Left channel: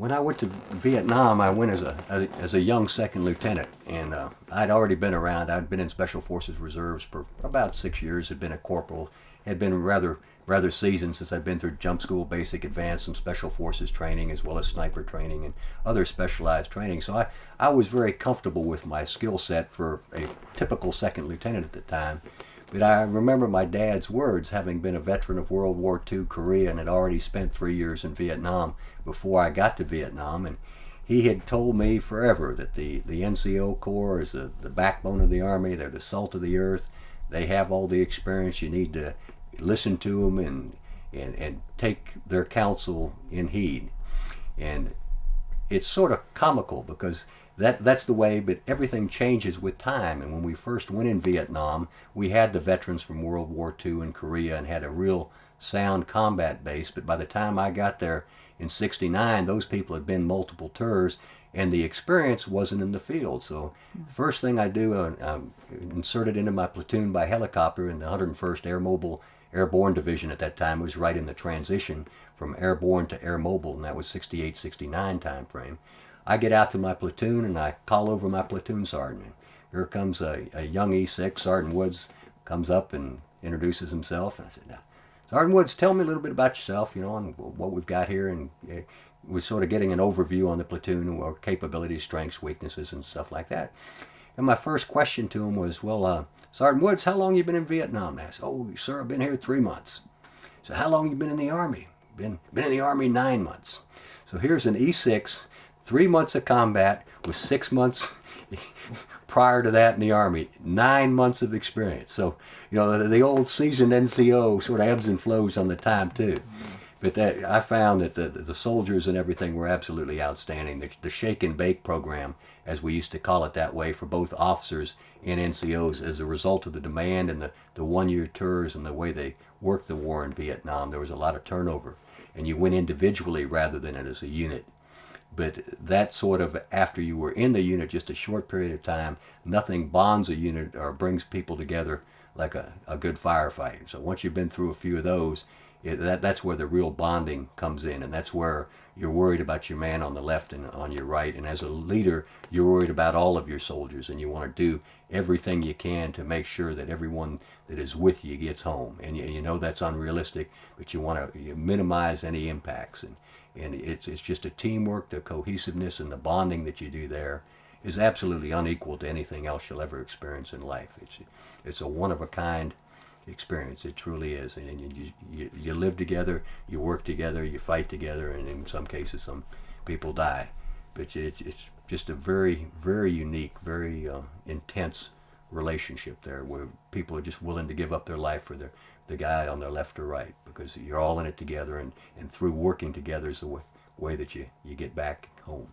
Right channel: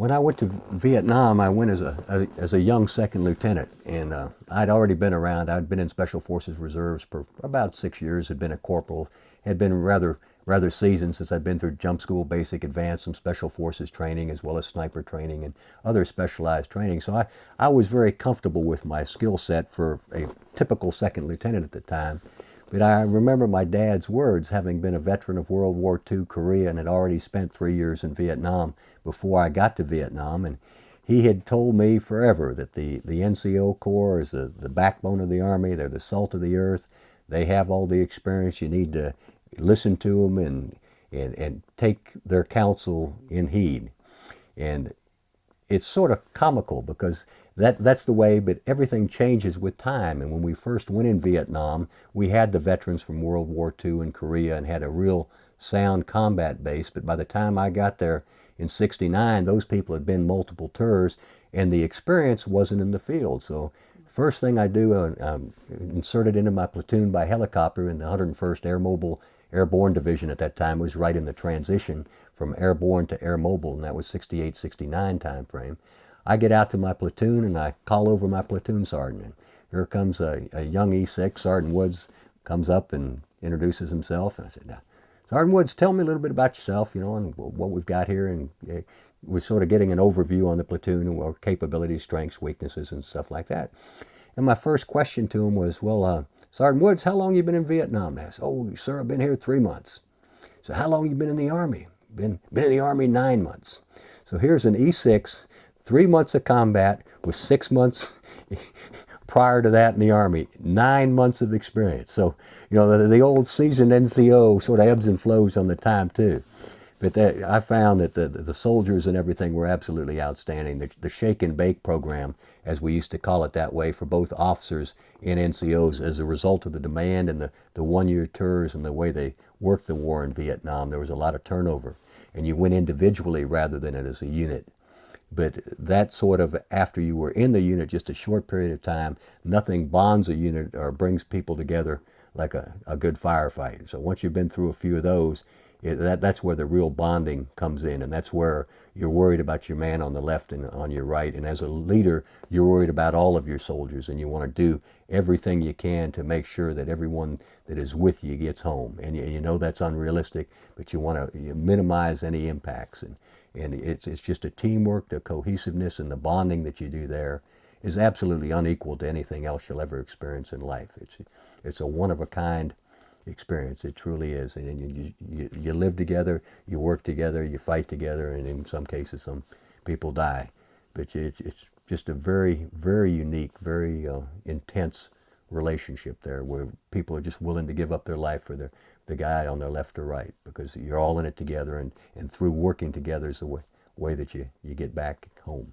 When I went to Vietnam, I went as a young second lieutenant, and I'd already been around. I'd been in Special Forces Reserves for about 6 years. Had been a corporal. Had been rather seasoned since I'd been through jump school, basic, advanced, some Special Forces training, as well as sniper training and other specialized training. So I was very comfortable with my skill set for a typical second lieutenant at the time. But I remember my dad's words, having been a veteran of World War II, Korea, and had already spent 3 years in Vietnam before I got to Vietnam. And he had told me forever that the NCO Corps is the backbone of the Army. They're the salt of the earth. They have all the experience. You need to listen to them and take their counsel in heed. And it's sort of comical because that's the way, but everything changes with time. And when we first went in Vietnam, we had the veterans from World War II and Korea and had a real sound combat base. But by the time I got there in '69, those people had been multiple tours and the experience wasn't in the field. So first thing I do, inserted into my platoon by helicopter in the 101st Airborne Division at that time. It was right in the transition from airborne to air mobile, and that was '68, '69 time frame. I get out to my platoon and I call over my platoon sergeant. Here comes a young E6. Sergeant Woods comes up and introduces himself. And I said, Sergeant Woods, tell me a little bit about yourself, and what we've got here. And we're sort of getting an overview on the platoon and our capabilities, strengths, weaknesses, and stuff like that. And my first question to him was, well, Sergeant Woods, how long you been in Vietnam? I said, oh, sir, I've been here 3 months. So how long you been in the Army? Been in the Army 9 months. So here's an E6, 3 months of combat with 6 months prior to that in the Army, 9 months of experience. So, the old seasoned NCO sort of ebbs and flows on the time too. But I found that the soldiers and everything were absolutely outstanding. The shake and bake program, as we used to call it that way, for both officers and NCOs, as a result of the demand and the 1 year tours and the way they worked the war in Vietnam, there was a lot of turnover. And you went individually rather than as a unit. But that sort of, after you were in the unit just a short period of time, nothing bonds a unit or brings people together like a good firefight. So once you've been through a few of those, that's where the real bonding comes in, and that's where you're worried about your man on the left and on your right. And as a leader, you're worried about all of your soldiers, and you want to do everything you can to make sure that everyone that is with you gets home. And you know that's unrealistic, but you want to minimize any impacts. And it's just a teamwork, the cohesiveness and the bonding that you do there is absolutely unequal to anything else you'll ever experience in life. It's a one of a kind experience. It truly is. And you live together, you work together, you fight together, and in some cases some people die. But it's just a very, very unique, very intense relationship there where people are just willing to give up their life for the guy on their left or right, because you're all in it together, and through working together is the way that you get back home.